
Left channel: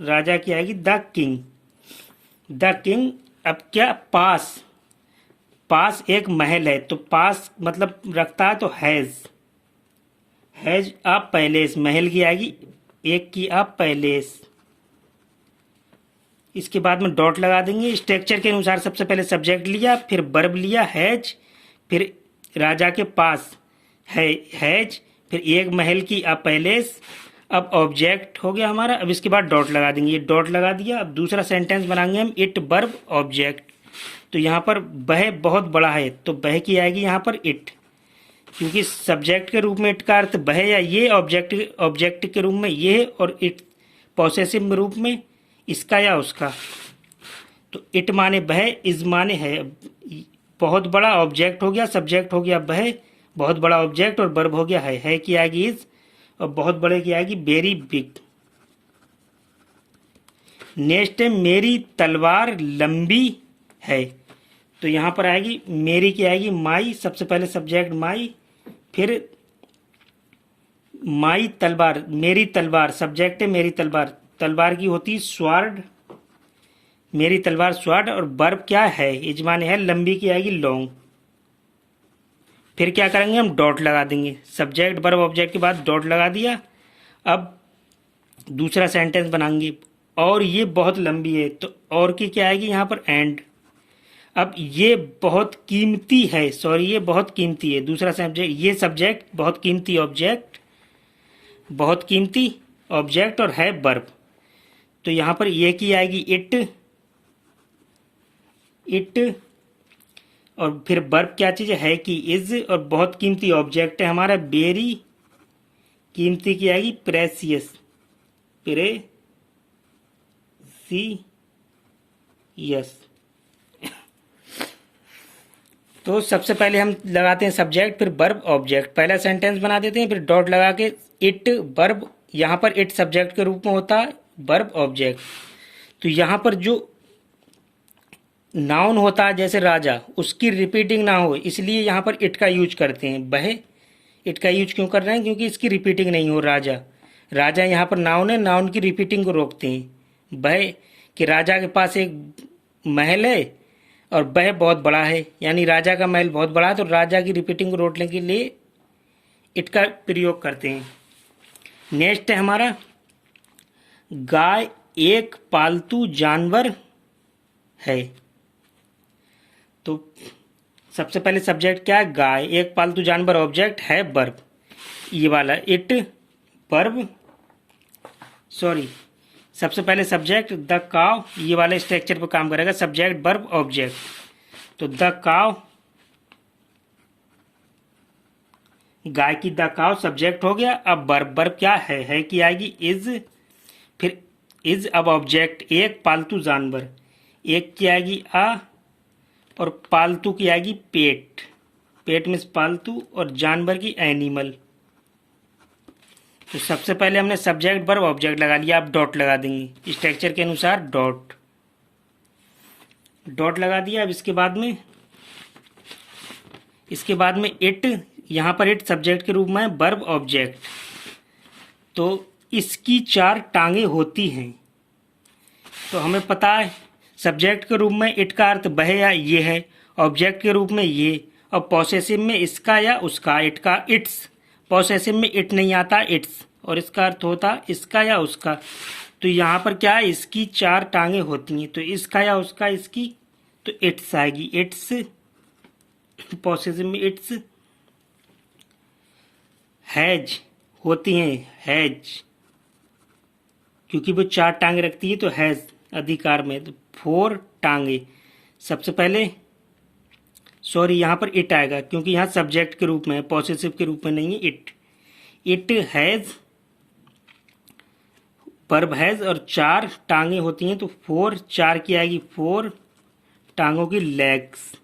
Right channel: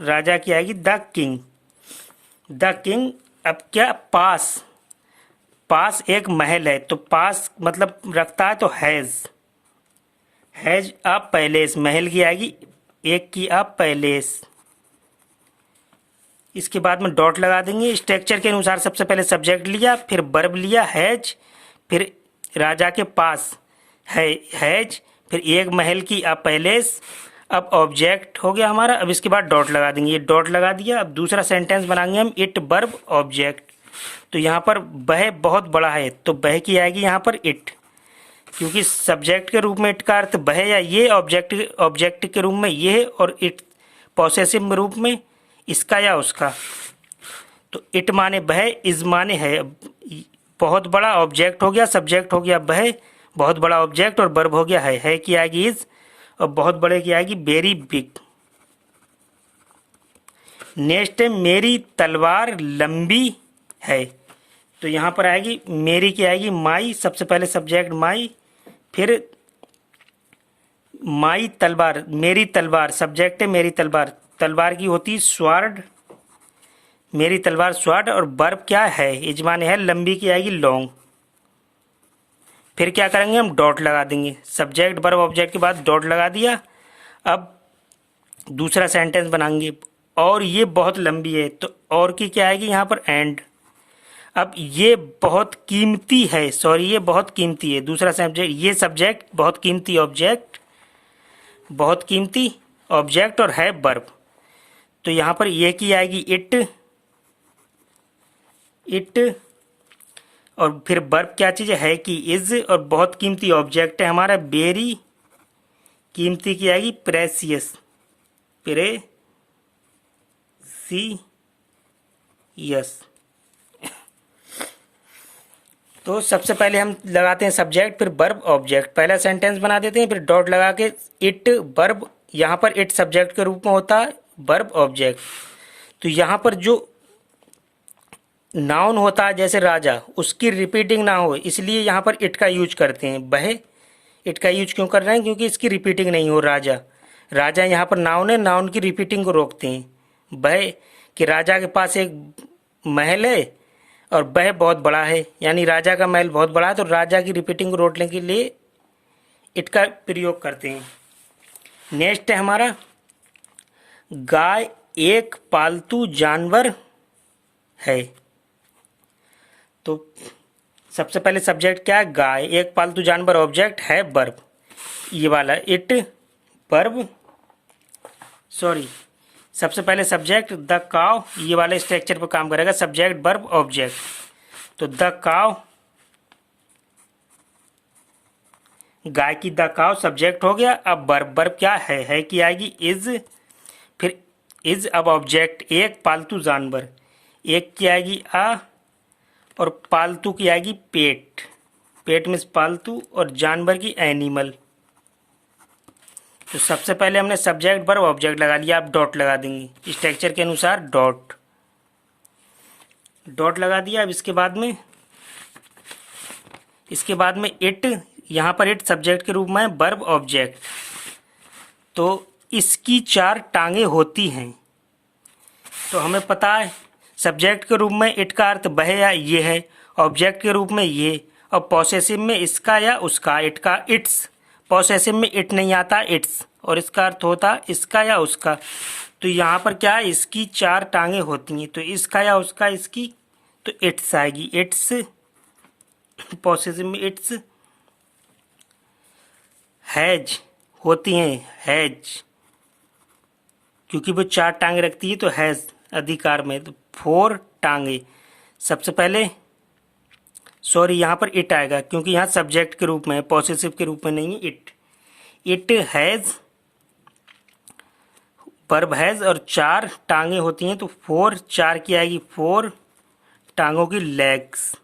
राजा की आएगी द किंग, द किंग। अब क्या पास, पास एक महल है, तो पास मतलब रखता है तो हैज़ अ पैलेस, महल की आएगी एक की अ पैलेस। इसके बाद में डॉट लगा देंगे। स्ट्रक्चर के अनुसार सबसे पहले सब्जेक्ट लिया, फिर वर्ब लिया हैज, फिर राजा के पास है हैज, फिर एक महल की अ पैलेस। अब ऑब्जेक्ट हो गया हमारा। अब इसके बाद डॉट लगा देंगे, ये डॉट लगा दिया। अब दूसरा सेंटेंस बनाएंगे हम, इट वर्ब ऑब्जेक्ट। तो यहाँ पर वह बहुत बड़ा है, तो वह की आएगी यहाँ पर इट, क्योंकि सब्जेक्ट के रूप में इट का अर्थ वह या ये, ऑब्जेक्ट के रूप में ये, और इट पॉसेसिव रूप में इसका या उसका। तो इट माने वह, इज माने है। बहुत बड़ा ऑब्जेक्ट हो गया, सब्जेक्ट हो गया वह, बहुत बड़ा ऑब्जेक्ट, और वर्ब हो गया है की आएगी इज, और बहुत बड़े की आएगी वेरी बिग। नेक्स्ट है मेरी तलवार लंबी है, तो यहाँ पर आएगी मेरी की आएगी माई, सबसे पहले सब्जेक्ट माई, फिर माई तलवार, मेरी तलवार सब्जेक्ट है, मेरी तलवार, तलवार की होती स्वार्ड, मेरी तलवार स्वार्ड, और वर्ब क्या है, यजमान है, लंबी की आएगी लॉन्ग। फिर क्या करेंगे हम, डॉट लगा देंगे। सब्जेक्ट वर्ब ऑब्जेक्ट के बाद डॉट लगा दिया। अब दूसरा सेंटेंस बनाएंगे, और ये बहुत लंबी है, तो और की क्या आएगी यहाँ पर एंड। अब ये बहुत कीमती है, सॉरी ये बहुत कीमती है, दूसरा सब्जेक्ट, ये सब्जेक्ट बहुत कीमती ऑब्जेक्ट, बहुत कीमती ऑब्जेक्ट, और है वर्ब। तो यहाँ पर ये की आएगी इट, और फिर वर्ब क्या चीज़ है कि इज, और बहुत कीमती ऑब्जेक्ट है हमारा वेरी, कीमती की आएगी प्रेसियस, प्रेसियस। तो सबसे पहले हम लगाते हैं सब्जेक्ट, फिर वर्ब ऑब्जेक्ट, पहला सेंटेंस बना देते हैं, फिर डॉट लगा के इट वर्ब, यहाँ पर इट सब्जेक्ट के रूप में होता है, वर्ब ऑब्जेक्ट। तो यहाँ पर जो नाउन होता है जैसे राजा, उसकी रिपीटिंग ना हो, इसलिए यहाँ पर इट का यूज करते हैं। वह इट का यूज क्यों कर रहे हैं, क्योंकि इसकी रिपीटिंग नहीं हो। राजा, राजा यहाँ पर नाउन है, नाउन की रिपीटिंग को रोकते हैं। वह कि राजा के पास एक महल है और वह बहुत बड़ा है, यानी राजा का महल बहुत बड़ा है, तो राजा की रिपीटिंग को रोकने के लिए इट का प्रयोग करते हैं। नेक्स्ट है हमारा गाय एक पालतू जानवर है, तो सबसे पहले सब्जेक्ट क्या है, गाय, एक पालतू जानवर ऑब्जेक्ट है वर्ब, ये वाला इट वर्ब, सॉरी सबसे पहले सब्जेक्ट द काव, ये वाले स्ट्रक्चर पर काम करेगा, सब्जेक्ट वर्ब ऑब्जेक्ट। तो द काव, गाय की द काव सब्जेक्ट हो गया। अब वर्ब, वर्ब क्या है की आएगी इज, फिर इज, अब ऑब्जेक्ट एक पालतू जानवर, एक की आएगी आ, और पालतू की आएगी पेट, पेट मीन्स पालतू, और जानवर की एनिमल। तो सबसे पहले हमने सब्जेक्ट वर्ब ऑब्जेक्ट लगा लिया, आप डॉट लगा देंगे स्ट्रक्चर के अनुसार, डॉट लगा दिया। अब इसके बाद में इट, यहाँ पर इट सब्जेक्ट के रूप में वर्ब ऑब्जेक्ट। तो इसकी 4 टांगे होती हैं, तो हमें पता है सब्जेक्ट के रूप में इट का अर्थ वह या ये है, ऑब्जेक्ट के रूप में ये, और पॉसेसिव में इसका या उसका, इट का इट्स, पॉसेसिव में इट नहीं आता इट्स, और इसका अर्थ होता इसका या उसका। तो यहाँ पर क्या है, इसकी 4 टांगे होती हैं, तो इसका या उसका, इसकी, तो इट्स आएगी, इट्स, पॉसेसिव में इट्स। हैज होती हैं, हैज, क्योंकि वो 4 टांगे रखती है, तो हैज अधिकार में, तो 4 टांगे। सबसे पहले सॉरी यहाँ पर इट आएगा, क्योंकि यहाँ सब्जेक्ट के रूप में है, पॉसेसिव के रूप में नहीं है। इट हैज, वर्ब हैज, और 4 टांगे होती हैं, तो 4, 4 की आएगी 4 टांगों की लेग्स।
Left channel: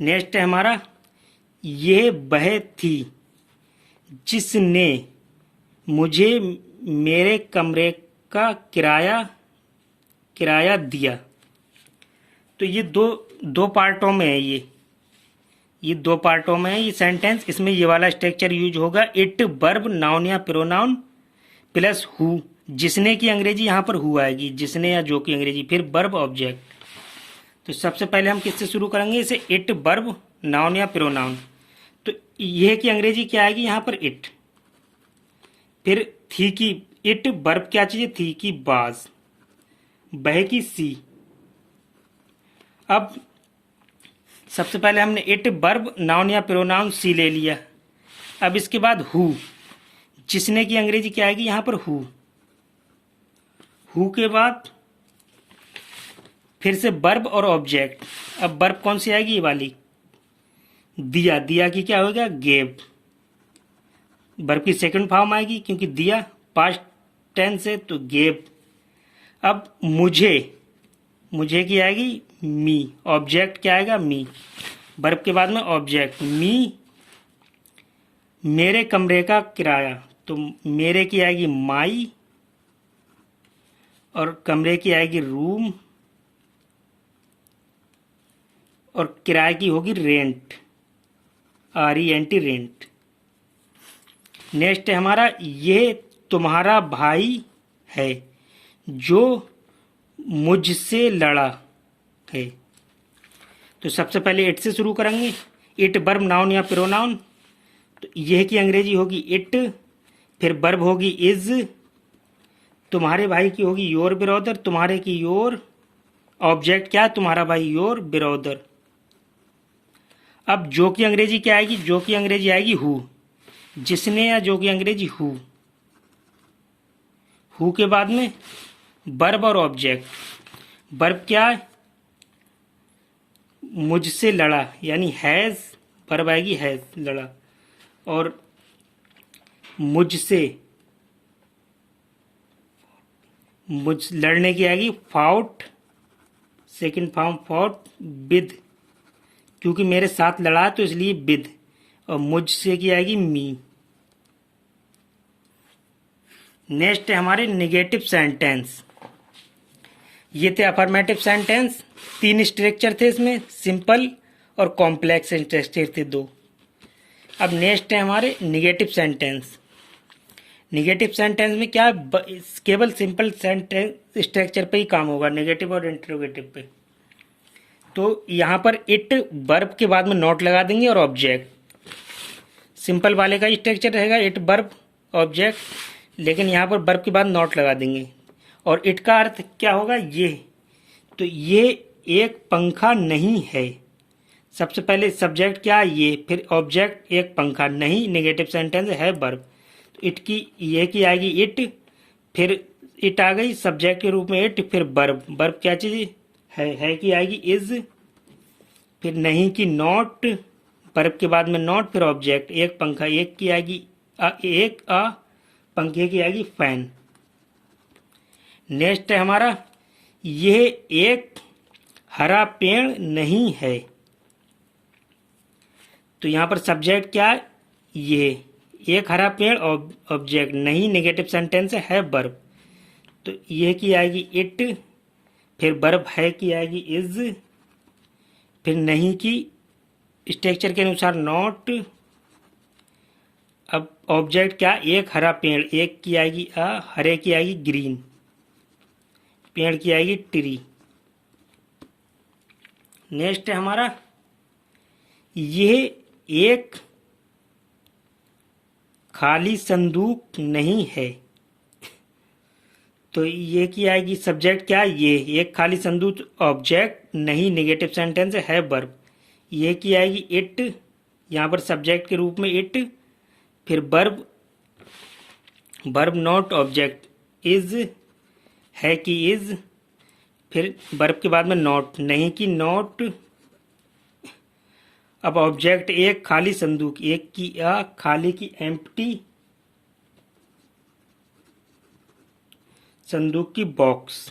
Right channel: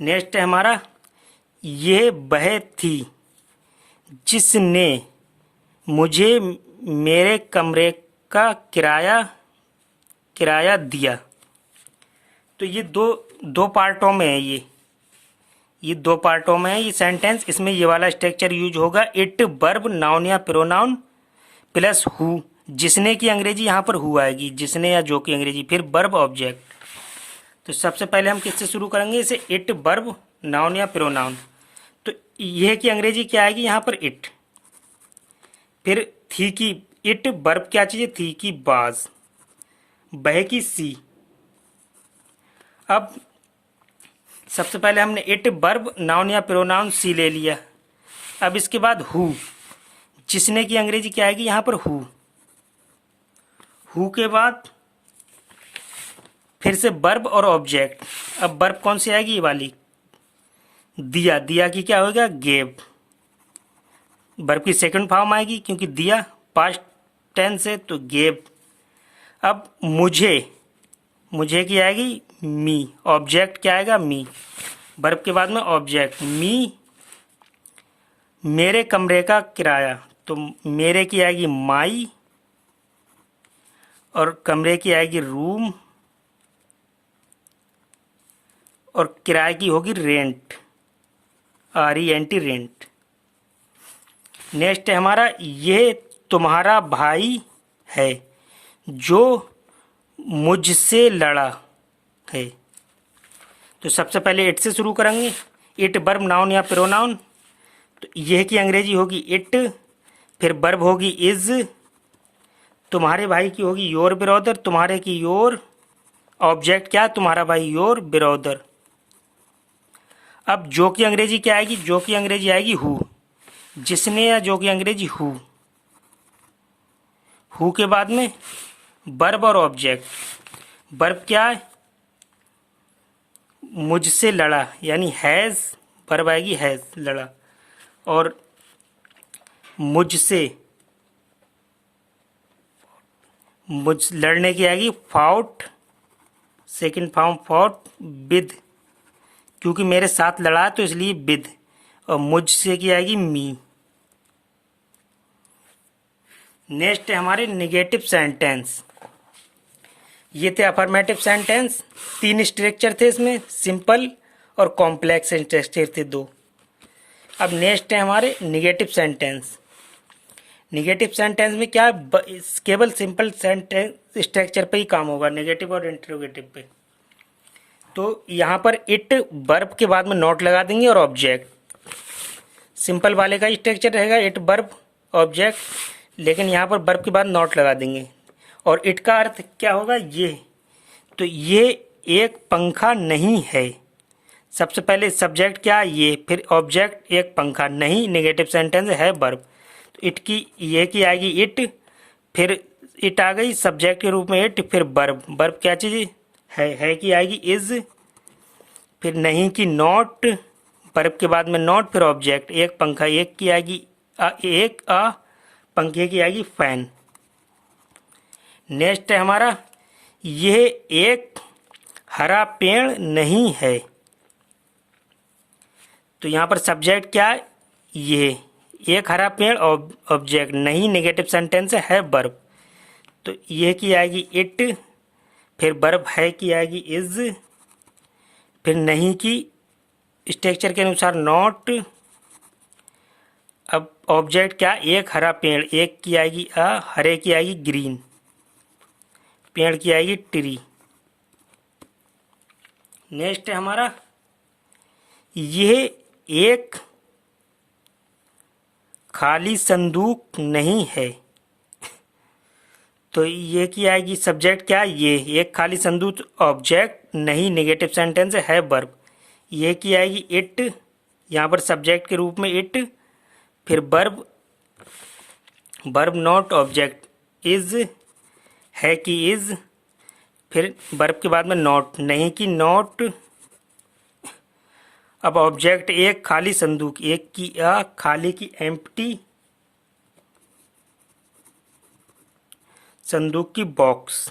नेक्स्ट है हमारा ये वह थी जिसने मुझे मेरे कमरे का किराया दिया। तो ये दो पार्टों में है, ये 2 पार्टों में है ये सेंटेंस। इसमें ये वाला स्ट्रक्चर यूज होगा, इट वर्ब नाउन या प्रोनाउन प्लस हु, जिसने की अंग्रेजी यहाँ पर हु आएगी, जिसने या जो की अंग्रेजी, फिर वर्ब ऑब्जेक्ट। तो सबसे पहले हम किससे शुरू करेंगे इसे, इट वर्ब नाउन या प्रोनाउन। तो यह की अंग्रेजी क्या आएगी यहाँ पर, इट। फिर थी की, इट वर्ब क्या चीज है, थी की बाज, बह की सी। अब सबसे पहले हमने इट वर्ब नाउन या प्रोनाउन सी ले लिया। अब इसके बाद हु, जिसने की अंग्रेजी क्या आएगी यहाँ पर, हु। हु के बाद फिर से वर्ब और ऑब्जेक्ट। अब वर्ब कौन सी आएगी, ये वाली, दिया। दिया की क्या होगा, गेव। वर्ब की सेकंड फॉर्म आएगी क्योंकि दिया पास्ट टेंस है, तो गेव। अब मुझे, मुझे की आएगी मी, ऑब्जेक्ट क्या आएगा, मी। वर्ब के बाद में ऑब्जेक्ट, मी। मेरे कमरे का किराया, तो मेरे की आएगी माई, और कमरे की आएगी रूम, और किराए की होगी रेंट, RENT, रेंट। नेक्स्ट है हमारा, ये तुम्हारा भाई है जो मुझसे लड़ा है। तो सबसे पहले इट से शुरू करेंगे, इट वर्ब नाउन या प्रोनाउन। तो यह की अंग्रेजी होगी इट, फिर वर्ब होगी इज, तुम्हारे भाई की होगी योर ब्रदर, तुम्हारे की योर, ऑब्जेक्ट क्या है, तुम्हारा भाई योर ब्रदर। अब जो की अंग्रेजी क्या आएगी, जो की अंग्रेजी आएगी हु, जिसने या जो की अंग्रेजी हु। हु के बाद में वर्ब और ऑब्जेक्ट। वर्ब क्या है, मुझसे लड़ा, यानी हैज, वर्ब आएगी हैज, लड़ा। और मुझसे, मुझ लड़ने की आएगी fought, second form fought, with, क्योंकि मेरे साथ लड़ा है तो इसलिए विद। और मुझसे की आएगी मी। नेक्स्ट है हमारे नेगेटिव सेंटेंस। ये थे अफर्मेटिव सेंटेंस, 3 स्ट्रक्चर थे इसमें, सिंपल और कॉम्प्लेक्स स्ट्रक्चर थे 2। अब नेक्स्ट है हमारे नेगेटिव सेंटेंस। नेगेटिव सेंटेंस में क्या है, केवल सिंपल सेंटेंस स्ट्रक्चर पे ही काम होगा, नेगेटिव और इंटरोगेटिव पे। तो यहाँ पर इट वर्ब के बाद में नॉट लगा देंगे और ऑब्जेक्ट। सिंपल वाले का स्ट्रक्चर रहेगा इट वर्ब ऑब्जेक्ट, लेकिन यहाँ पर वर्ब के बाद नॉट लगा देंगे। और इट का अर्थ क्या होगा, ये। तो ये एक पंखा नहीं है। सबसे पहले सब्जेक्ट क्या, ये, फिर ऑब्जेक्ट एक पंखा नहीं, नेगेटिव सेंटेंस है वर्ब। तो इट की, ये की आएगी इट, फिर इट आ गई सब्जेक्ट के रूप में इट, फिर वर्ब। वर्ब क्या चीज है की आएगी इज, फिर नहीं की नॉट, वर्ब के बाद में नॉट, फिर ऑब्जेक्ट एक पंखा, एक की आएगी एक पंखे की आएगी फैन। नेक्स्ट है हमारा, यह एक हरा पेड़ नहीं है। तो यहां पर सब्जेक्ट क्या है, ये एक हरा पेड़, ऑब्जेक्ट नहीं, नेगेटिव सेंटेंस है वर्ब। तो ये की आएगी इट, फिर वर्ब है की आएगी इज, फिर नहीं की स्ट्रक्चर के अनुसार नॉट। अब ऑब्जेक्ट क्या, एक हरा पेड़, एक की आएगी हरे की आएगी ग्रीन, पेड़ की आएगी ट्री। नेक्स्ट है हमारा, यह एक खाली संदूक नहीं है। तो ये की आएगी सब्जेक्ट क्या, ये एक खाली संदूक, ऑब्जेक्ट नहीं, नेगेटिव सेंटेंस है वर्ब। ये की आएगी इट, यहाँ पर सब्जेक्ट के रूप में इट, फिर verb, verb not, object is, है की इज, फिर वर्ब के बाद में नॉट, नहीं की नॉट। अब ऑब्जेक्ट एक खाली संदूक, एक की खाली की एम्प्टी, संदूक की बॉक्स।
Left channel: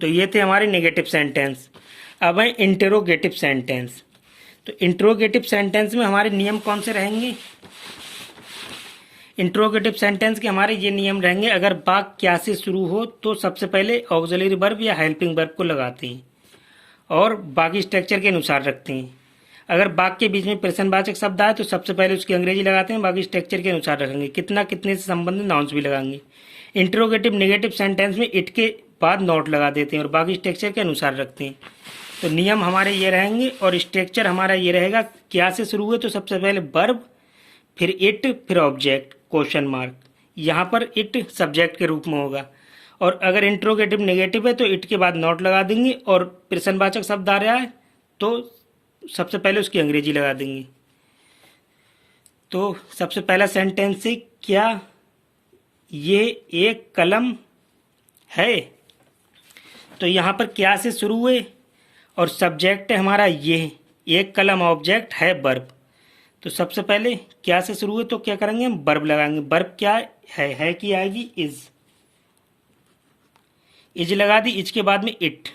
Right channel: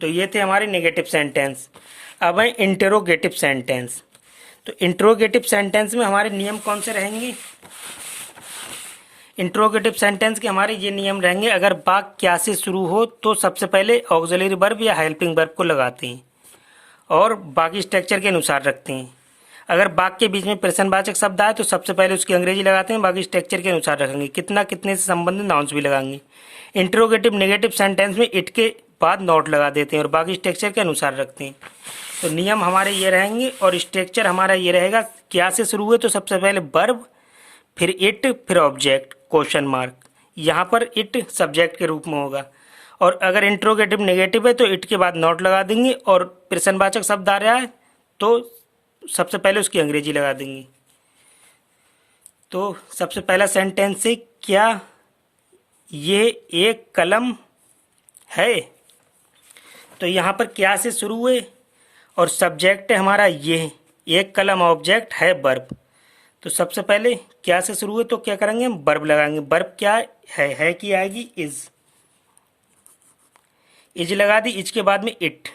तो ये थे हमारे नेगेटिव सेंटेंस। अब है इंटरोगेटिव सेंटेंस। तो इंटरोगेटिव सेंटेंस में हमारे नियम कौन से रहेंगे, इंटरोगेटिव सेंटेंस के हमारे ये नियम रहेंगे, अगर वाक्य क्या से शुरू हो तो सबसे पहले ऑक्सिलरी वर्ब या हेल्पिंग वर्ब को लगाते हैं और बाकी स्ट्रक्चर के अनुसार रखते हैं। अगर वाक्य के बीच में प्रश्नवाचक शब्द आए तो सबसे पहले उसकी अंग्रेजी लगाते हैं, बाकी स्ट्रक्चर के अनुसार रखेंगे, कितना कितने से संबंधित नाउंस भी लगाएंगे। इंटरोगेटिव नेगेटिव सेंटेंस में इट के बाद नॉट लगा देते हैं और बाकी स्ट्रक्चर के अनुसार रखते हैं। तो नियम हमारे ये रहेंगे और स्ट्रक्चर हमारा ये रहेगा। क्या से शुरू हुए तो सबसे पहले वर्ब, फिर इट, फिर ऑब्जेक्ट क्वेश्चन मार्क। यहाँ पर इट सब्जेक्ट के रूप में होगा और अगर इंट्रोगेटिव नेगेटिव है तो इट के बाद नॉट लगा देंगे और प्रश्नवाचक शब्द आ रहा है तो सबसे पहले उसकी अंग्रेजी लगा देंगे। तो सबसे पहला सेंटेंस है, क्या ये एक कलम है। तो यहाँ पर क्या से शुरू हुए और सब्जेक्ट है हमारा ये, एक कलम ऑब्जेक्ट है वर्ब। तो सबसे पहले क्या से शुरू हुए तो क्या करेंगे, हम वर्ब लगाएंगे। वर्ब क्या है की आएगी इज लगा दी, इज के बाद में इट।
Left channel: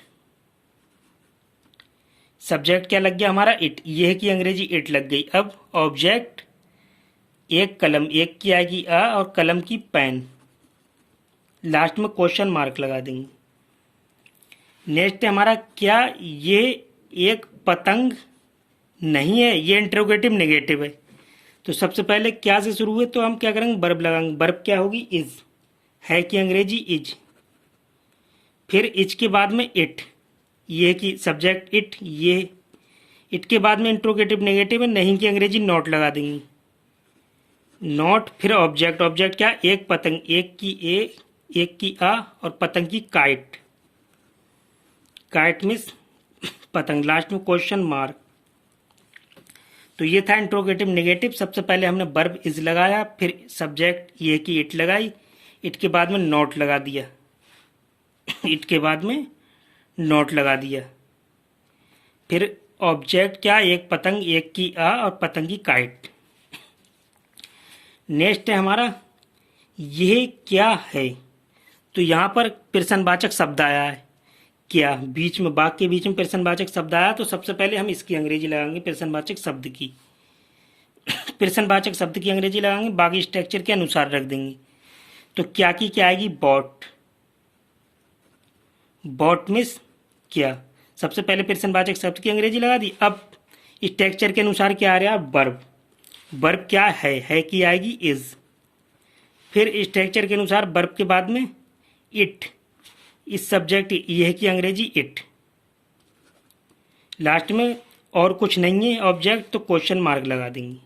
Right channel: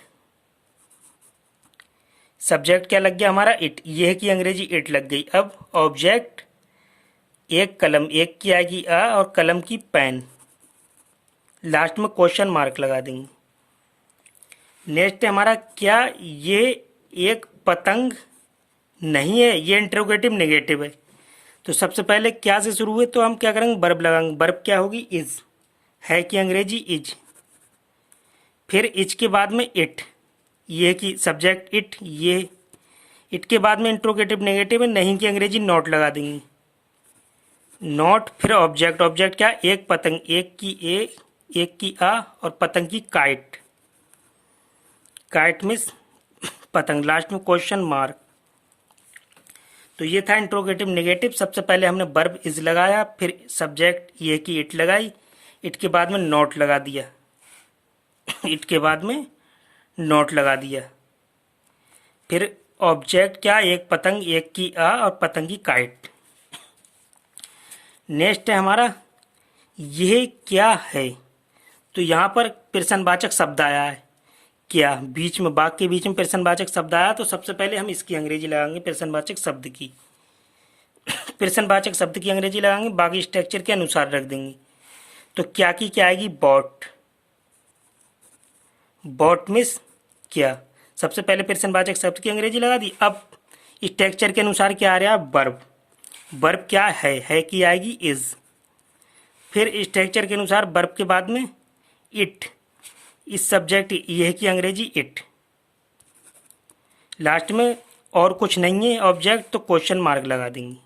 सब्जेक्ट क्या लग गया हमारा, इट, ये की अंग्रेजी इट लग गई। अब ऑब्जेक्ट एक कलम, एक की आएगी आ और कलम की पेन, लास्ट में क्वेश्चन मार्क लगा देंगे। नेक्स्ट है हमारा, क्या ये एक पतंग नहीं है। ये इंट्रोगेटिव नेगेटिव है तो सबसे पहले क्या से शुरू हुए तो हम क्या करेंगे, वर्ब लगाएंगे। वर्ब क्या होगी, इज, है की अंग्रेजी इज। फिर इज के बाद में इट, ये की सब्जेक्ट इट, ये इट के बाद में इंट्रोगेटिव नेगेटिव है, नहीं की अंग्रेजी नॉट लगा देंगे। नॉट, फिर ऑब्जेक्ट, ऑब्जेक्ट क्या, एक पतंग, एक की ए, एक की आ और पतंग की काइट, काइट मीन्स पतंग, लास्ट में क्वेश्चन मार्क। तो ये था इंट्रोगेटिव नेगेटिव। सबसे पहले हमने वर्ब इज लगाया, फिर सब्जेक्ट ये की इट लगाई, इट के बाद में नॉट लगा दिया इट के बाद में नॉट लगा दिया। फिर ऑब्जेक्ट क्या, एक पतंग, एक की आ और पतंग की काइट। नेक्स्ट है हमारा, यह क्या है। तो यहाँ पर प्रश्नवाचक शब्द आया है, क्या, बीच में वाक्य के बीच में प्रश्नवाचक शब्द आया तो सबसे पहले हम इसकी अंग्रेजी लगाएंगे, प्रश्नवाचक शब्द की प्रश्नवाचक शब्द की अंग्रेजी लगाएंगे, बाकी स्ट्रक्चर के अनुसार रख देंगे। तो क्या की क्या आएगी, बॉट, बॉट मीन्स क्या। सबसे पहले प्रश्नवाचक शब्द की अंग्रेजी लगा दी। अब स्ट्रक्चर के अनुसार क्या आ रहा है, वर्ब, वर्ब क्या है की आएगी इज। फिर स्ट्रक्चर के अनुसार वर्ब के बाद में इट, इस सब्जेक्ट यह की अंग्रेजी इट, लास्ट में और कुछ नहीं है ऑब्जेक्ट तो क्वेश्चन मार्क लगा देंगे।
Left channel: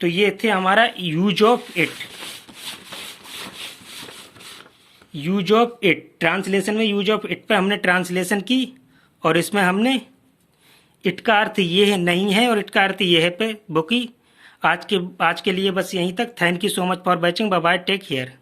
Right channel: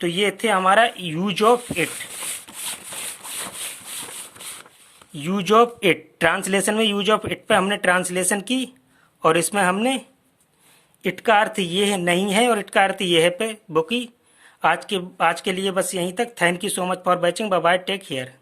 तो ये थे हमारा use of it. Use of it translation में यूज ऑफ इट पर हमने ट्रांसलेशन की और इसमें हमने इट का अर्थ ये है नहीं है और इट का अर्थ ये है पे बुकी। आज के लिए बस यहीं तक। Thank you so much for watching. Bye bye, take care.